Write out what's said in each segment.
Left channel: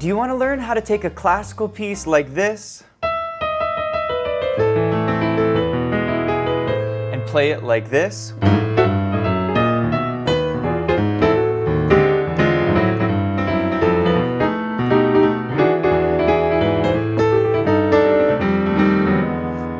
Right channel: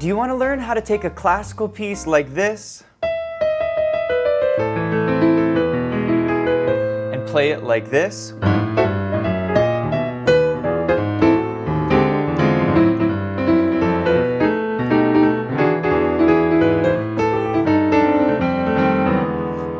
Do you want to learn how to take a classical piece like this and play it like this?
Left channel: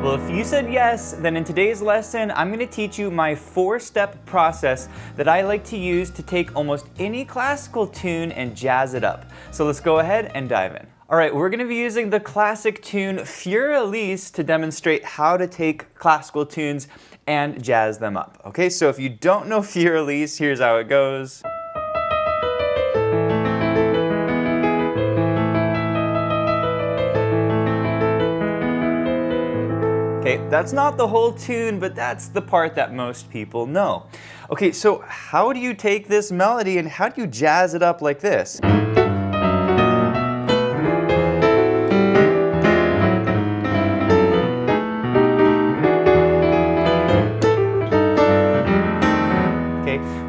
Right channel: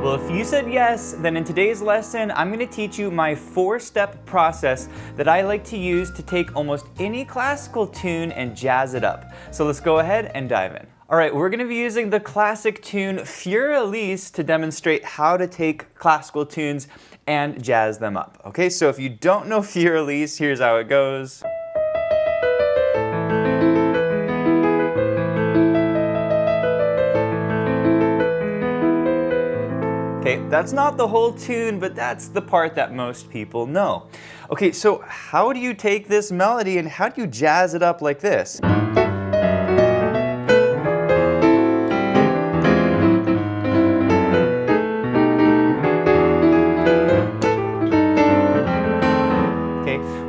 Well, if you said yes, then in today's lesson, I'm going to teach you my 4-step process that I like to use to take almost any classical tune and jazz it up. So let's go ahead and dive in. All right, we're going to be using the classic tune Für Elise to demonstrate how to take classical tunes and jazz them up. Okay, so if you don't know Für Elise, here's how it goes. Okay, that's not the whole tune, but that's the part that most people know. Okay, so how do you take this melody and how do you jazz it up like this?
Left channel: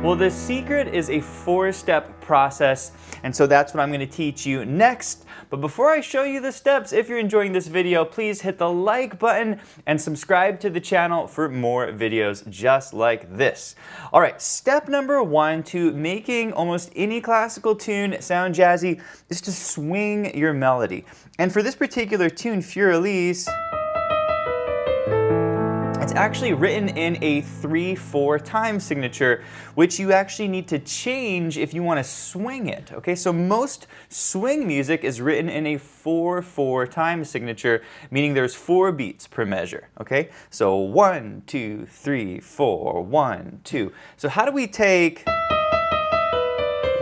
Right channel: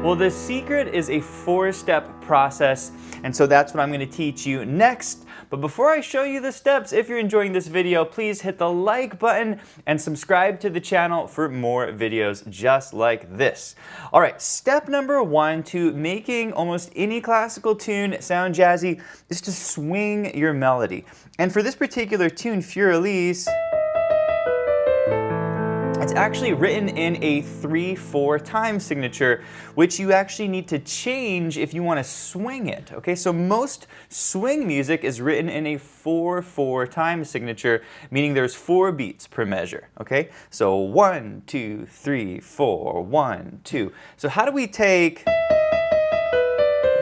Well, the secret is a 4-step process, and so that's what I'm going to teach you next. But before I show you the steps, if you're enjoying this video, please hit the like button and subscribe to the channel for more videos just like this. All right, step number 1 to making almost any classical tune sound jazzy is to swing your melody. And for this particular tune, Für Elise, it's actually written in a 3/4 time signature, which you actually need to change if you want to swing it. Okay, so most swing music is written in a 4/4 time signature, meaning there's 4 beats per measure. Okay, so 1, 2, 3, 4, 1, 2. So how do we take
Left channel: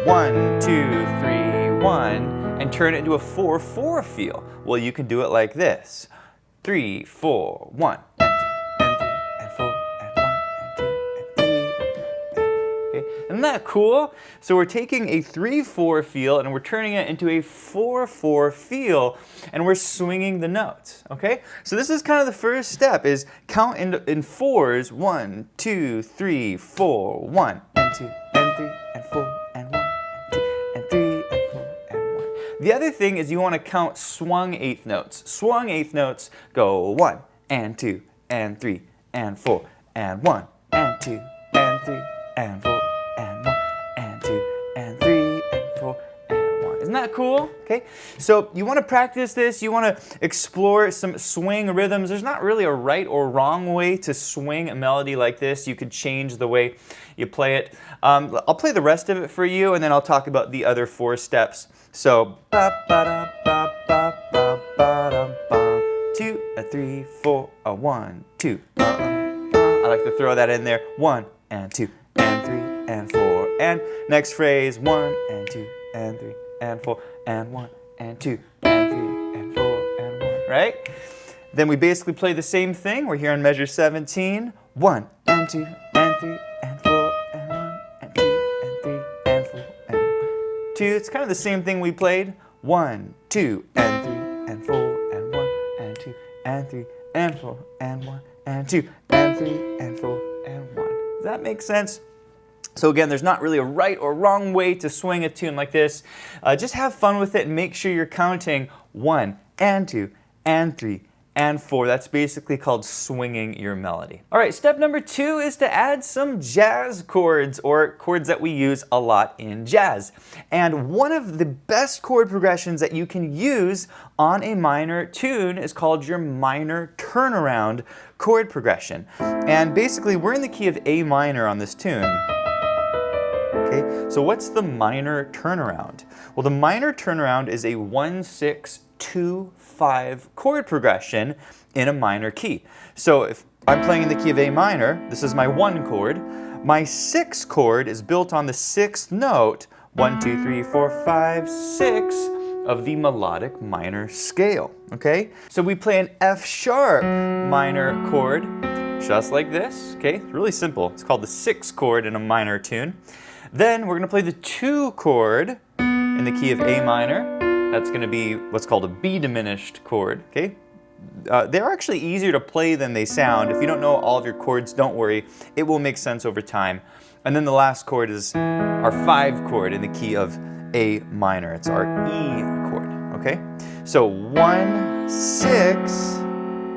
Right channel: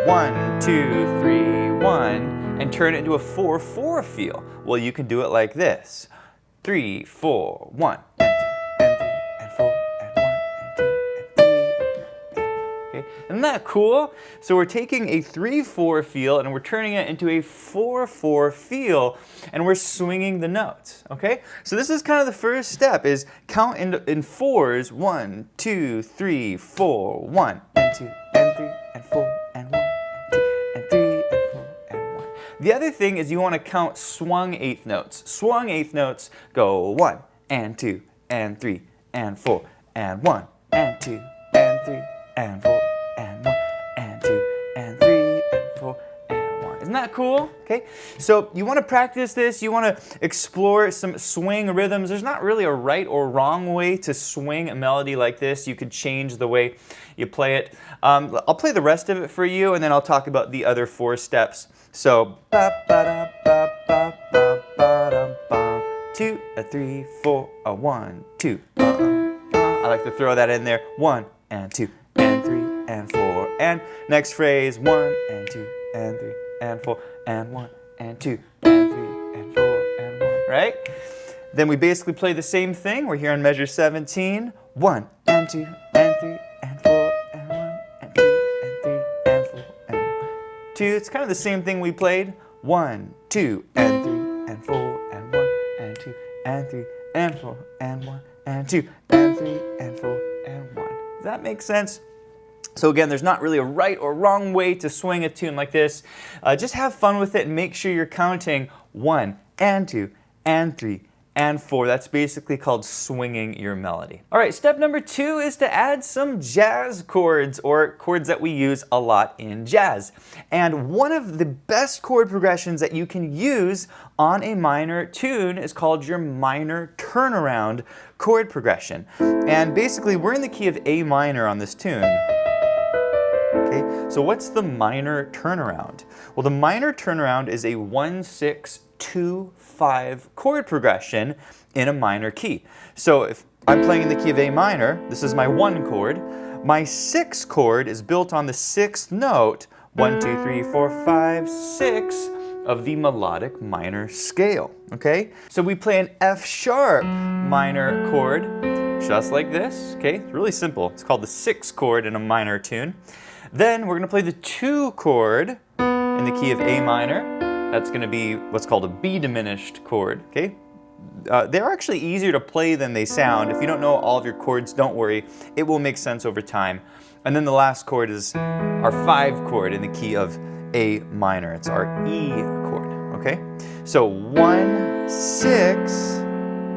1, 2, 3, 1 and turn it into a 4/4 feel? Well, you can do it like this: 3, 4, 1. Isn't that cool? So we're taking a 3/4 feel and we're turning it into a 4/4 feel, and we're swinging the notes, okay? So this is kind of the first step, is count in 4s, 1, 2, 3, 4, 1, and 2, and 3, and 4, and 1, and 2, and 3, and 4, and 1. The other thing is you want to count swung 8th notes. Swung 8th notes go 1, and 2, and 3, and 4, and 1, and 2, and 3, and 4, and 1, and 2, and 3, and 4, and 1. Isn't that cool? Okay, so you want to practice this, you want to explore some swing rhythms. There's not really a right or wrong way to swing a melody like this. You could change the way you play it. I'll play the rest of it for you, and then I'll talk about the other 4 steps. So, ba ba da ba ba ba ba da ba, 2, 3, 4, 1, 2. I like to throw that in there. 1 and 2 and 3 and 4, and next phrase 1 and 2 and 3 and 4 and 1 and 2 and 3 and 4 and 1, right? Then we basically play the same thing. We're here on measure 17. 1 and 2 and 3 and 4 and 1 and 2 and 3 and 4 and 1, 2. It's kind of the same thing we played. 1, 2 and 3 and 4 and 1 and 2 and 3 and 4 and 1 and 2 and 3 and 4 and 1. Does that make sense? So again, there's not really a right or wrong way to swing a tune like this. Just have fun with it and make sure you're counting 1 and 2 and 3 and 4. That's basically called swinging your melody. All right, step number 2 is to add some jazz chords, or chords that we use a lot in jazz. And one of the best chord progressions that you can use on a minor tune is called your minor turnaround chord progression. And basically, we're in the key of A minor on this tune. Okay, so what's the minor turnaround? Well, the minor turnaround is a 1, 6, 2, 5 chord progression in a minor key. So if I'm playing in the key of A minor, this is my 1 chord. My 6 chord is built on the 6th note, 1, 2, 3, 4, 5, 6 of the melodic minor scale, okay? So we play an F sharp minor chord, just like this, okay? It's really simple. It's called the 6th chord in a minor tune. Then we're gonna play the 2 chord in the key of A minor. That's gonna be what's called a B diminished chord, okay? They're actually easier to play than they sound. If you don't know all of your chords, don't worry. It will make sense over time. And then the last chord is our 5 chord in the key of A minor. It's our E chord. okay? So 1, 6,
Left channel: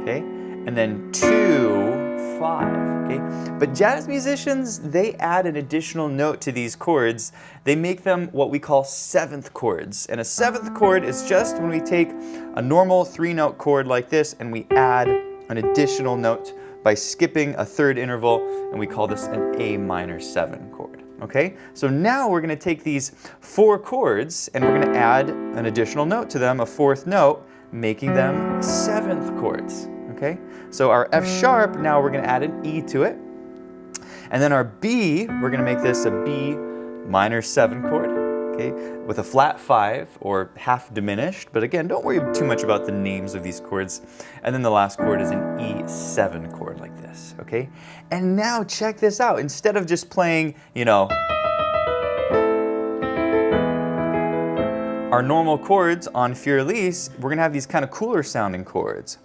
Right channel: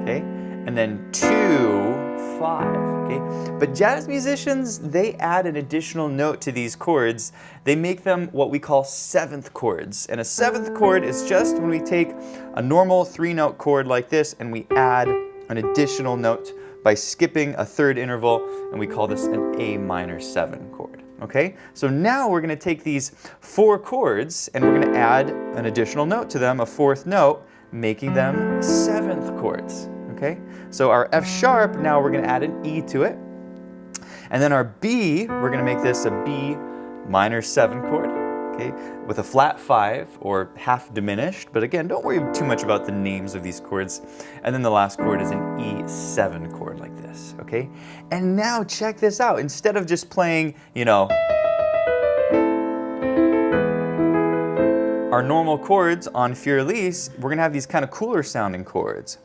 okay? And then 2, 5, okay? But jazz musicians, they add an additional note to these chords. They make them what we call seventh chords. And a seventh chord is just when we take a normal 3-note chord like this and we add an additional note by skipping a third interval, and we call this an A minor 7 chord, okay? So now we're gonna take these 4 chords and we're gonna add an additional note to them, a 4th note, making them 7th chords, okay? So our F sharp, now we're gonna add an E to it. And then our B, we're gonna make this a B minor 7 chord, okay? With a flat 5 or half diminished, but again, don't worry too much about the names of these chords. And then the last chord is an E7 chord like this, okay? And now check this out. Instead of just playing, you know, our normal chords on Für Elise, we're gonna have these kind of cooler sounding chords.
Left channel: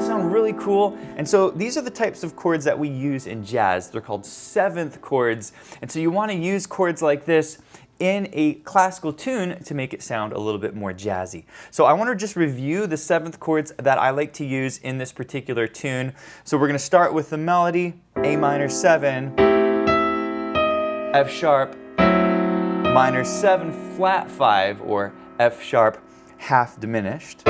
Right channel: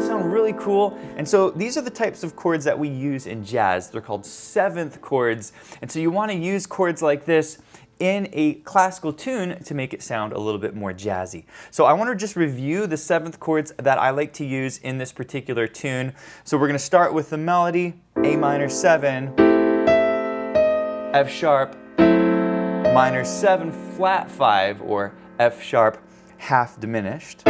Sound really cool. And so these are the types of chords that we use in jazz. They're called 7th chords. And so you want to use chords like this in a classical tune to make it sound a little bit more jazzy. So I want to just review the 7th chords that I like to use in this particular tune. So we're going to start with the melody, A minor 7, F sharp, minor 7 flat 5, or F sharp half diminished.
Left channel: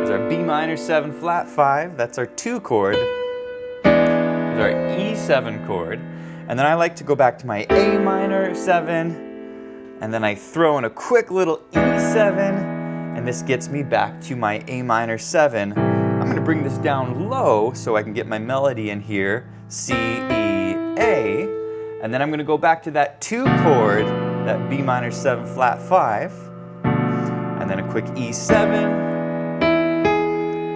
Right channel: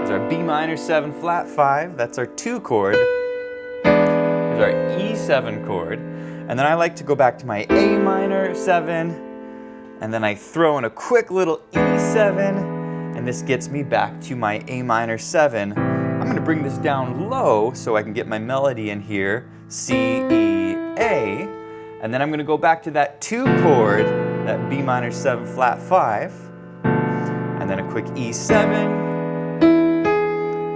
There's our B minor 7 flat 5, that's our 2 chord. There's our E7 chord. And then I like to go back to my A minor 7, and then I throw in a quick little E7, and this gets me back to my A minor 7. I'm gonna bring this down low so I can get my melody in here, C, E, A. And then I'm gonna go back to that 2 chord, that B minor 7 flat 5, and then a quick E7,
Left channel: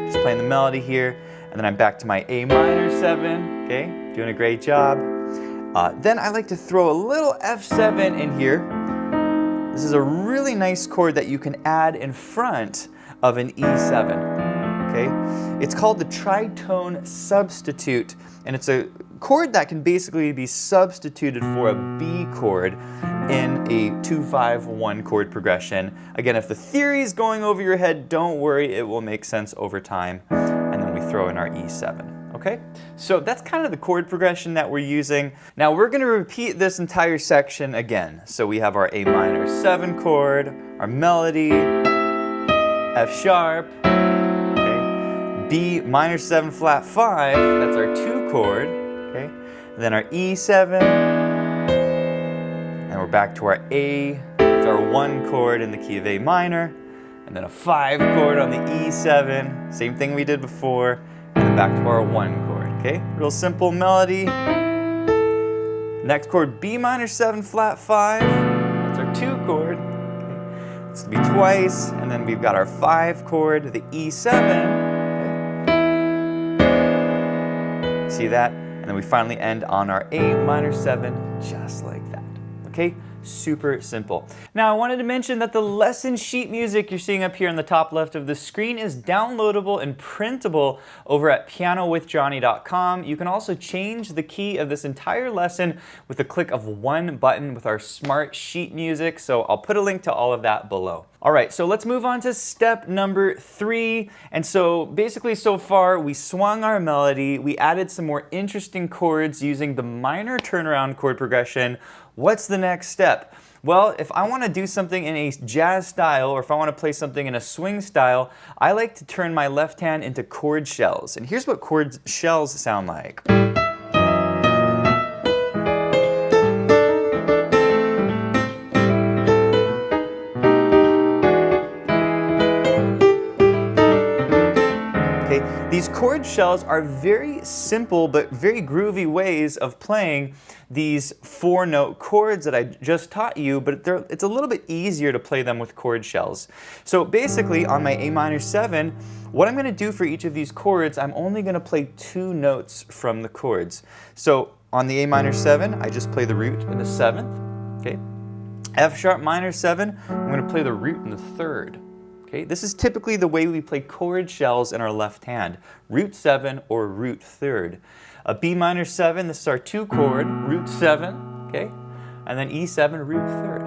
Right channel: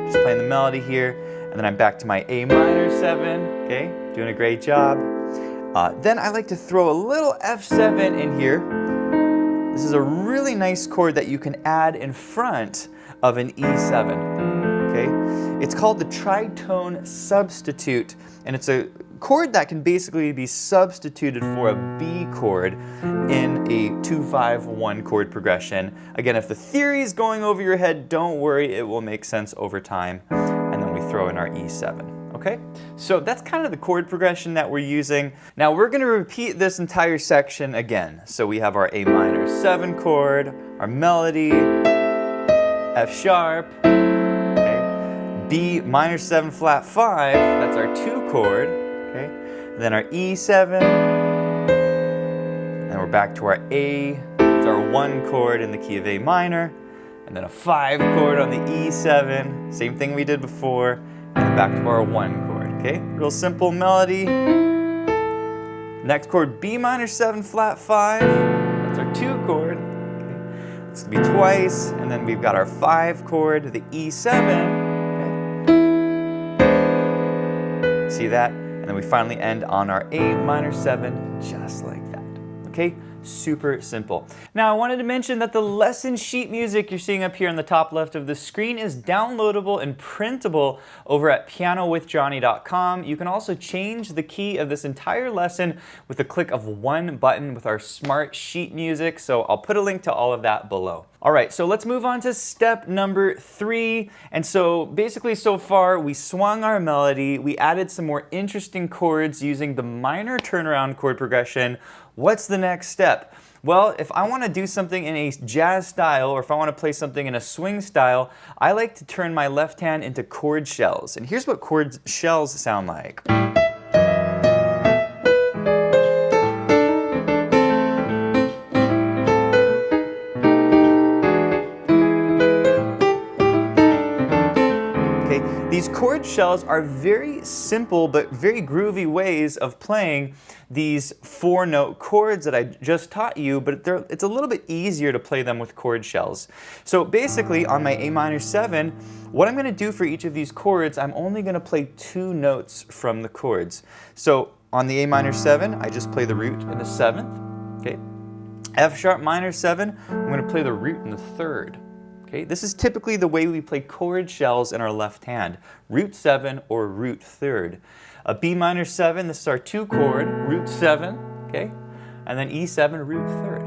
just playing the melody here, and then I'm back to my A minor 7, okay, doing a great job. Then I like to throw a little F7 in here. This is a really nice chord that you can add in front of an E7, okay? It's called the tritone substitute, and it's a chord that can basically be substituted for a B chord in a 2-5-1 chord progression. Again, if the theory is going over your head, don't worry, it will make sense over time. And then we throw in our E7, okay? So that's kind of the chord progression that we're using. Now we're gonna repeat this entire section again. So we have our A minor 7 chord, our melody, F sharp, okay? B minor 7 flat 5, that's our 2 chord, okay? And then our E7, and we're back to our A, that's our 1 chord in the key of A minor, and then a 5 chord on the E7, same thing we did before, and then back to our 1 chord, okay? Real simple melody. Next chord, B minor 7 flat 5, that's our 2 chord, okay? This will be twice, and then we've got our 5 chord, the E7, okay? See that? And then we finally end on our A minor 7, just like that, okay? Super simple. Now I wanted to mention that the lesson sheet music you're seeing up here on the top left of the screen is downloadable and printable over at pianowithjohnny.com. You can also change the key of this entire lesson with the click of one button with our smart sheet music, so I'll put a link to all of that below. All right, so let's move on to step number 3. And so basically so far we swung our melody, we added some more interesting chords using the minor turnaround chord progression. What's the next step? Well, if I want to do something in a jazz style, or if I want to play something in a swing style, I like to turn my left hand into chord shells. And here's what chord shells sound like. These chord shells are very simple but very groovy ways of playing these 4-note chords that I just taught you, but it's a little bit easier to play them with chord shells. So basically on my A minor 7, what I'm going to do for each of these chords, I'm only going to play 2 notes from the chords. So on the A minor 7, I just play the root in the 7th, okay? F sharp minor 7, I'm going to play the root in the 3rd. Okay, this is typically the way we play chord shells in our left hand, root 7 or root 3rd. A B minor 7, this is our 2 chord, root 7, okay? and then E7, root third.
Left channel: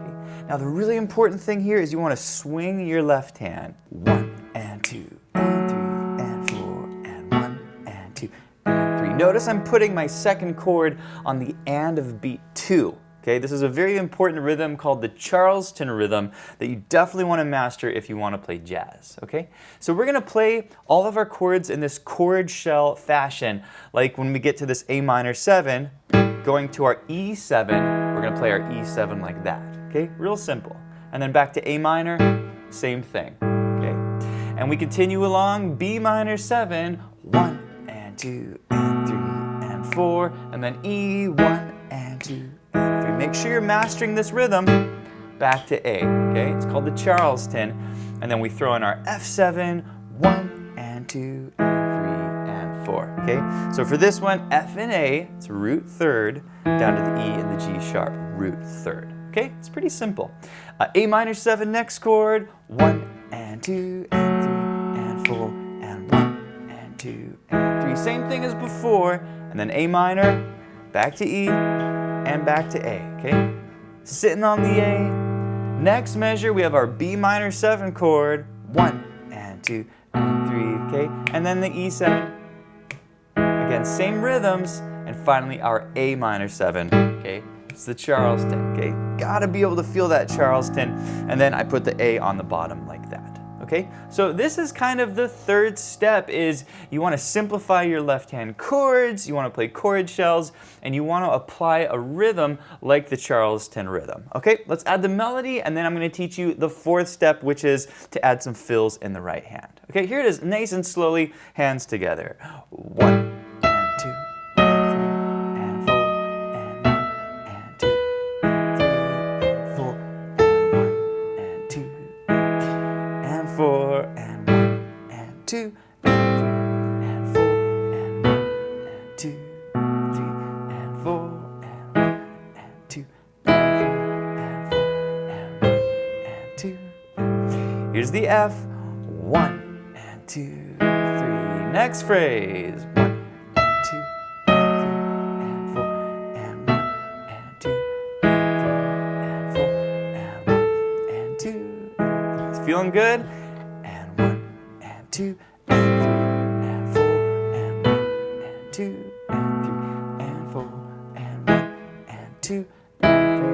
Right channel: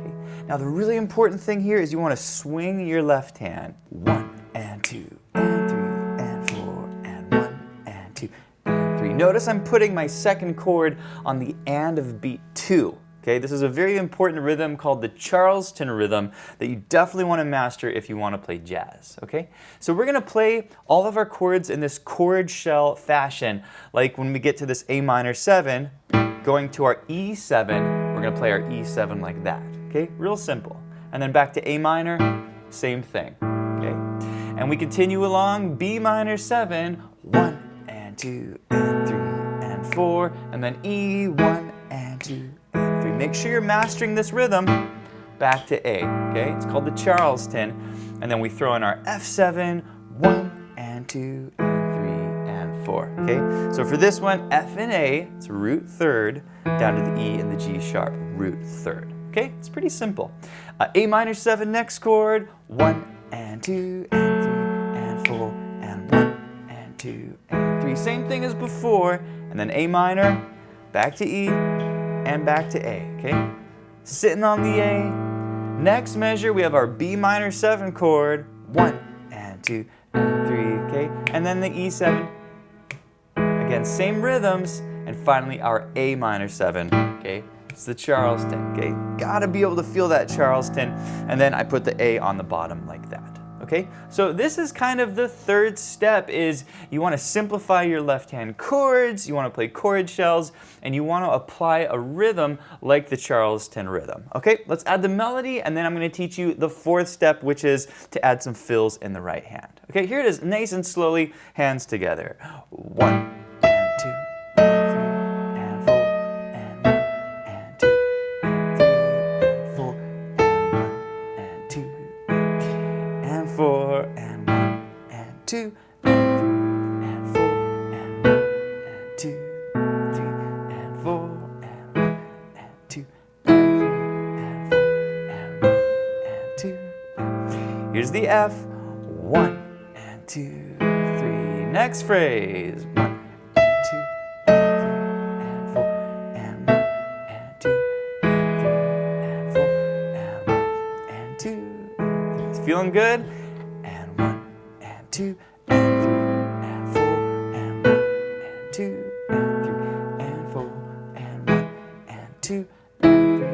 Okay. Now the really important thing here is you want to swing your left hand. 1 and 2 and 3 and 4 and 1 and 2 and 3. Notice I'm putting my second chord on the and of beat 2. Okay, this is a very important rhythm called the Charleston rhythm that you definitely want to master if you want to play jazz. Okay, so we're going to play all of our chords in this chord shell fashion. Like when we get to this A minor 7, going to our E7, we're going to play our E7 like that. Okay, real simple. And then back to A minor, same thing. Okay, and we continue along B minor 7, 1 and 2 and 3 and 4, and then E1 and 2. Make sure you're mastering this rhythm. Back to A, okay? It's called the Charleston. And then we throw in our F7, 1 and 2 and 3 and 4, okay? So for this one, F and A, it's root third, down to the E and the G sharp, root third, okay? It's pretty simple. A minor 7 next chord, 1 and 2 and 3 and 4 and 1 and 2 and 3. Same thing as before. And then A minor, back to E, and back to A, okay? Sitting on the A. Next measure, we have our B minor 7 chord, 1 and 2 and 3, okay? And then the E7. Again, same rhythms. And finally, our A minor 7, okay? It's the Charleston, okay? Gotta be able to feel that Charleston. And then I put the A on the bottom like that. Okay, so this is kind of the third step is you want to simplify your left hand chords, you want to play chord shells, and you want to apply a rhythm like the Charleston rhythm. Okay, let's add the melody, and then I'm going to teach you the fourth step, which is to add some fills in the right hand. Okay, here it is, nice and slowly, hands together. 1 and 2 and 3 and 4 and 1 and 2 and 3 and 4 and 1 and 2 and 4 and 1 and 2 and 3 and 4 and 1 and 2 3 and 4 and 1 and 2 and 3 and 4 and 1 and 2. Here's the F. 1 and 2 3. Next phrase. 1 and 2 and 3 and 4 and 1 and 2 and 3 and 4 and 1 and 2. It's feeling good. 2 and 3 and 4 and 1 and 2 and 3 and 4 and 1 and 2 and 3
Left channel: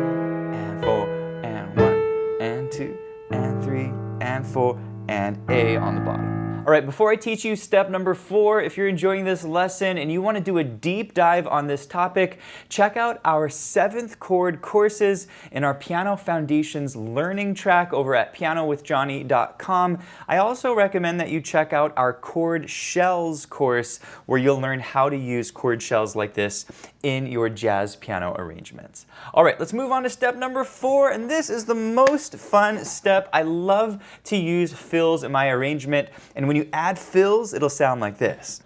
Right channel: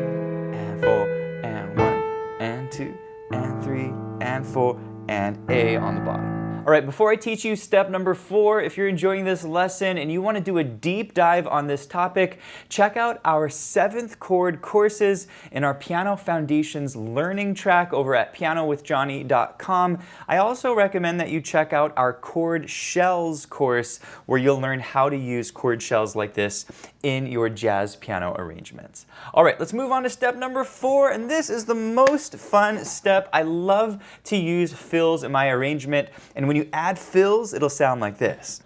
and 4 and 1 and 2 and 3 and 4 and A on the bottom. All right, before I teach you step number 4, if you're enjoying this lesson and you want to do a deep dive on this topic, check out our 7th chord courses in our Piano Foundations learning track over at pianowithjohnny.com. I also recommend that you check out our Chord Shells course where you'll learn how to use chord shells like this in your jazz piano arrangements. All right, let's move on to step number 4, and this is the most fun step. I love to use fills in my arrangement, and when you add fills, it'll sound like this.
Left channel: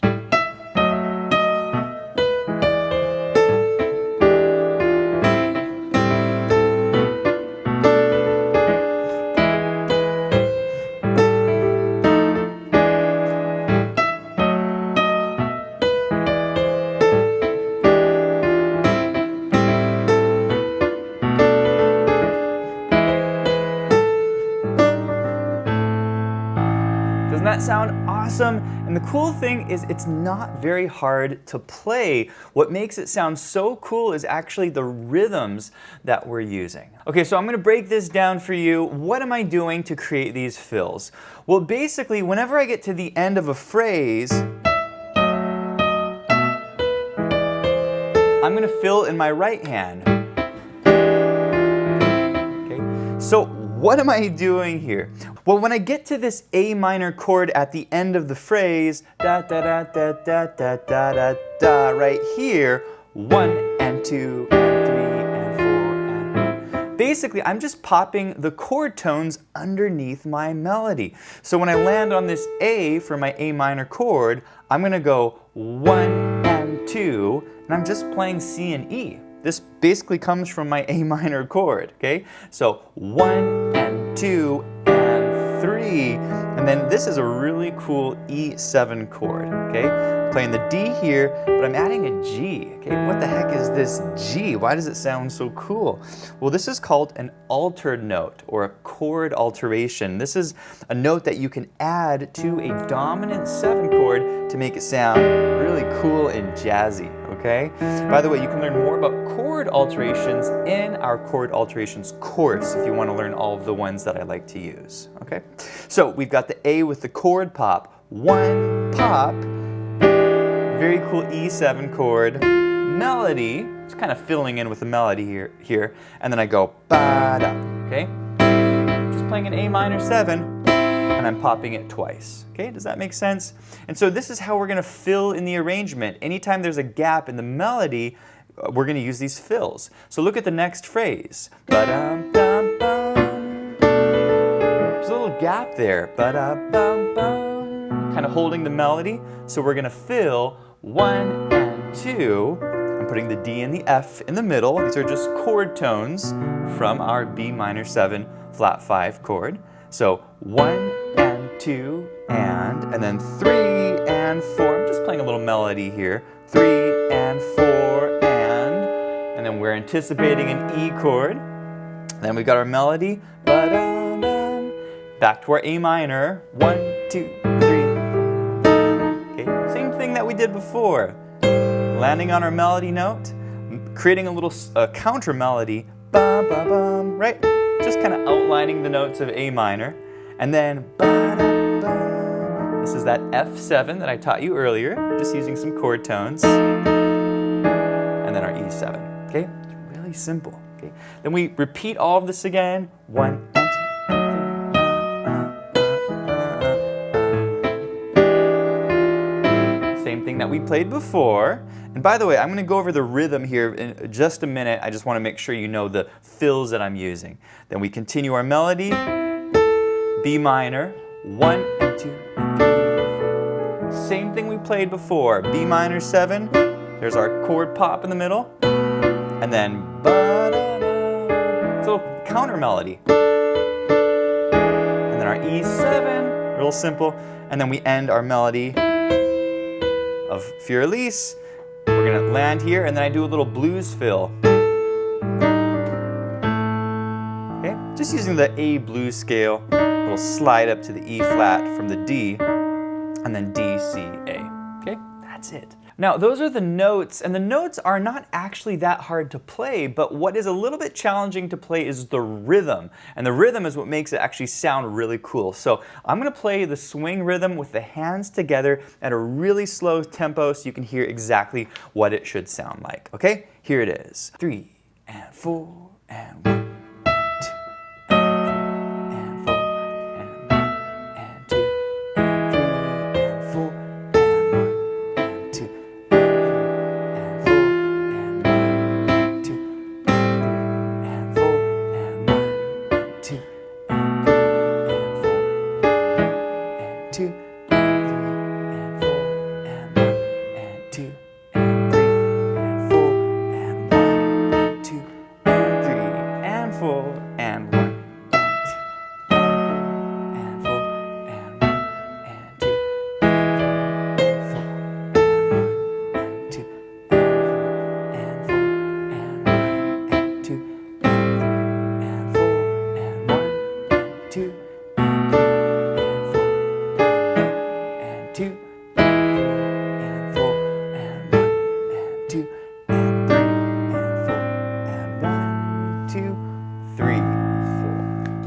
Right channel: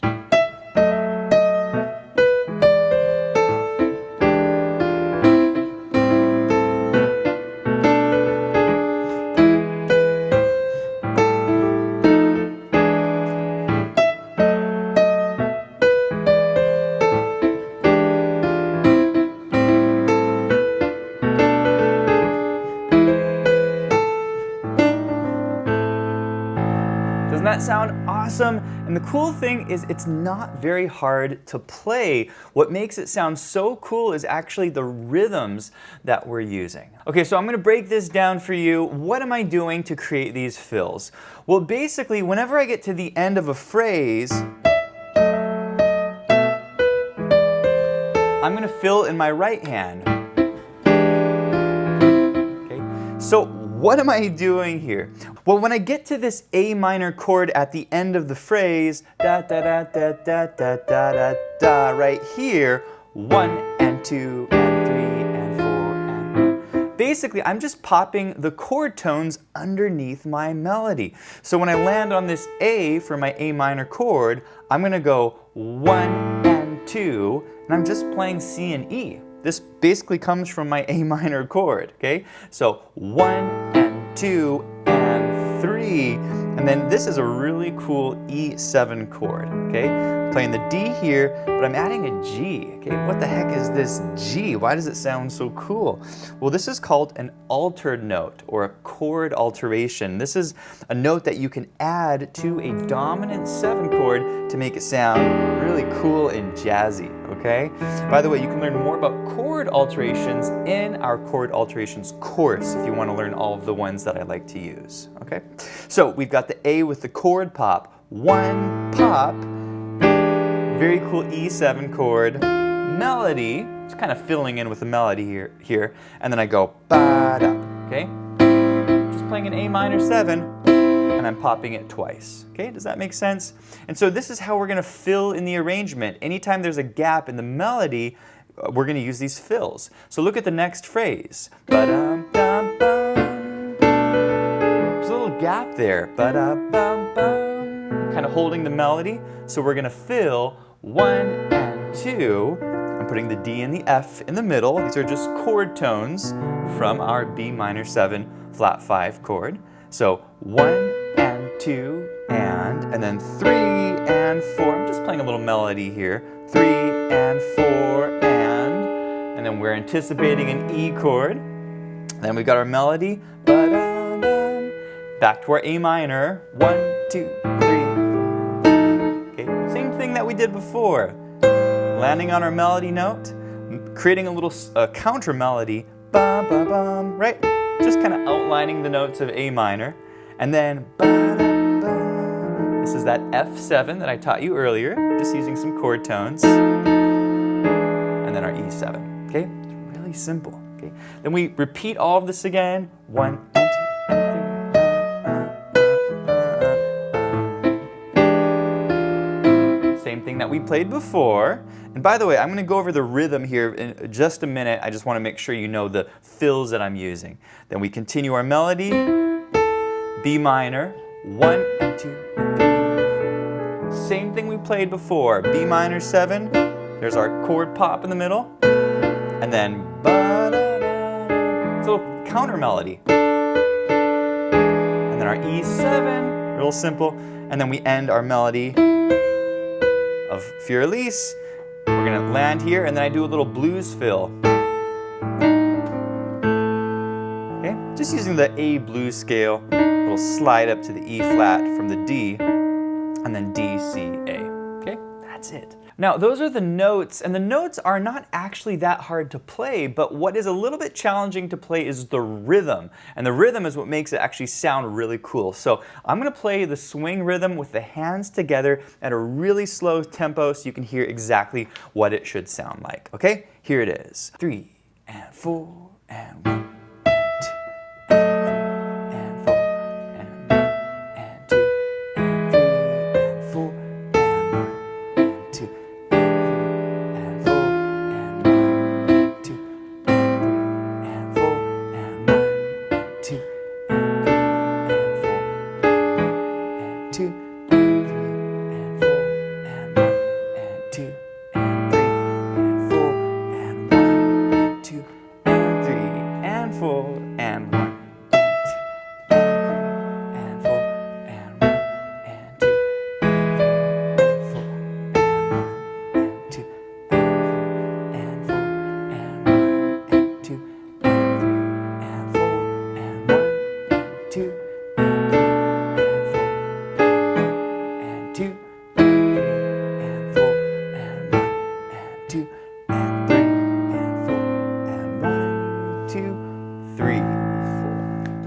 Doesn't that sound awesome? And the cool thing is it's not very hard to play. What makes it sound so cool is actually the rhythms that we're using. Okay, so I'm going to break this down for you. What am I doing to create these fills? Well, basically, whenever I get to the end of a phrase, I'm going to fill in my right hand. Okay, so what am I doing here? Well, when I get to this A minor chord at the end of the phrase, da da da da da da da da da, right here, 1 and 2 and 3 and 4 and 1. Basically, I'm just popping the chord tones underneath my melody. So when I land on this A for my A minor chord, I'm going to go 1 and 2, and I'm just playing C and E. This basically comes from my A minor chord, okay? So 1 and 2 and 3, and then this is a really cool E7 chord, okay? I'm playing the D here, but I'm adding a G, okay? What the heck is this G? Why does it sound so cool? Well, this is called an altered note, or a chord alteration. This is a note that you can add to a dominant 7 chord to make it sound really cool and jazzy, okay? By the way, you can learn more about chord alterations in our chord alterations course if you want to learn all of the ones that I like to use, okay? So we've got the A with the chord pop. 1 pop, very cool E7 chord, melody, just kind of filling in with the melody here, and then I go ba-da, okay? Just playing an A minor 7, and I'm popping it twice, okay? Does that make sense? And so this is how we're going to fill in the arrangement. Anytime there's a gap in the melody, we're going to use these fills. So look at the next phrase. Ba-dum-dum-bum. There's a little gap there. Ba-da-bum-bum. Kind of holding the melody. So we're going to fill 1 and 2. I'm putting the D and the F in the middle. These are just chord tones from our B minor 7 flat 5 chord. So 1 and 2 and then 3 and 4. I'm just playing a little melody here. 3 and 4 and then we're anticipating an E chord. Then we've got our melody. Ba-dum-dum. Back to our A minor. 1, 2, 3. Okay, same thing that we did before. Landing on our melody note, creating a little counter melody. Ba-ba-bum, right? Just kind of outlining the notes of A minor. And then ba-da-bum. This is that F7 that I taught you earlier, just using some chord tones. And then our E7. Okay, it's really simple. Okay, then we repeat all of this again. 1 and 2 and 3. Same thing that we played before. And by the way, I'm going to go over the rhythm here in just a minute. I just want to make sure you know the fills that I'm using. Then we continue our melody. B minor. 1 and 2 and 3. Same thing we played before. B minor 7. There's our chord pop in the middle. And then ba-da-da. It's a little counter melody. And then our E7, real simple. And then we end our melody of Für Elise. We're gonna land here, and then I do a little blues fill. Okay, just using the A blues scale, a little slide up to the E flat from the D, and then D, C, A. Okay, that's it. Now, those are the notes, and the notes are not actually that hard to play, but what is a little bit challenging to play is the rhythm. And the rhythm is what makes it actually sound really cool. So I'm going to play the swing rhythm with the hands together at a really slow tempo so you can hear exactly what it should sound like. Okay, here it is. 3 and 4 and 1.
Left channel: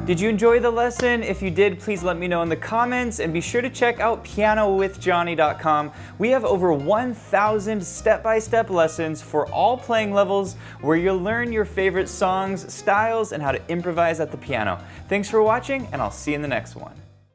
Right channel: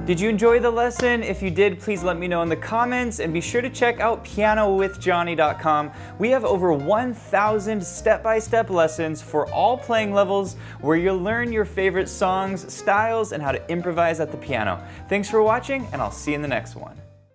Did you enjoy the lesson? If you did, please let me know in the comments, and be sure to check out pianowithjohnny.com. We have over 1,000 step-by-step lessons for all playing levels where you'll learn your favorite songs, styles, and how to improvise at the piano. Thanks for watching, and I'll see you in the next one.